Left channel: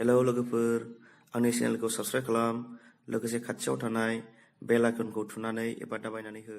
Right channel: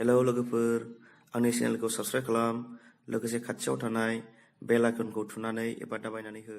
Hello लोगोफोर, आंनि चेनेलखौ subscribe खालाम, लोगोसे खाथियाव थानाय बेल आइकनखौ थुनानै एबा दाबायनानै हो।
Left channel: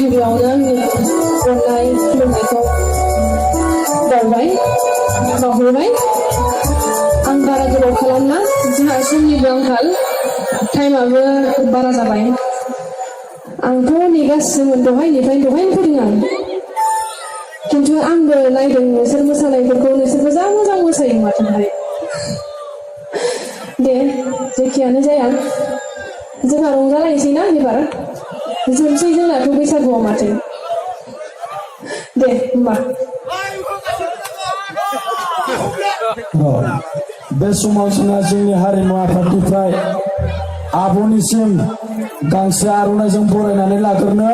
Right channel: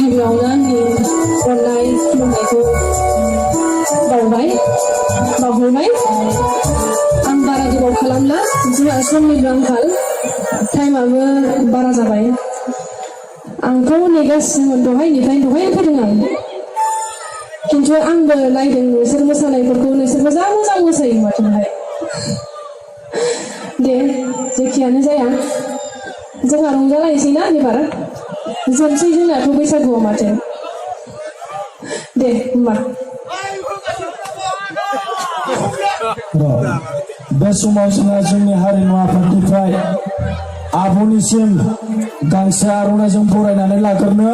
गिबियावनो आंनि अननाय खुलुमनायखौ बावहरबाय। आं बारा गोबाव खालामला, जोंहा समनिबो आंखाल, टाइमाबो बारा जाबाय। आंथ' नेगासिनोमोन, दहायनिफ्रायनो फैदों आं, खिन्थु आंबो नायदों नोंसोर मोसानायफोरखौ, नोंसोर मोजां मोसायो माथोहाय। दे जेखियानो जाया, जोंहा रंजालायनोसै ना एबार, जोबसै जोंनाथ' बैसागुआव माथो। दे होमबा बे समाव जोंनि हारिमु आफादनिफ्राय आब'निसिम गांसे आर'नाइजों बरायनानै लाग्रोनो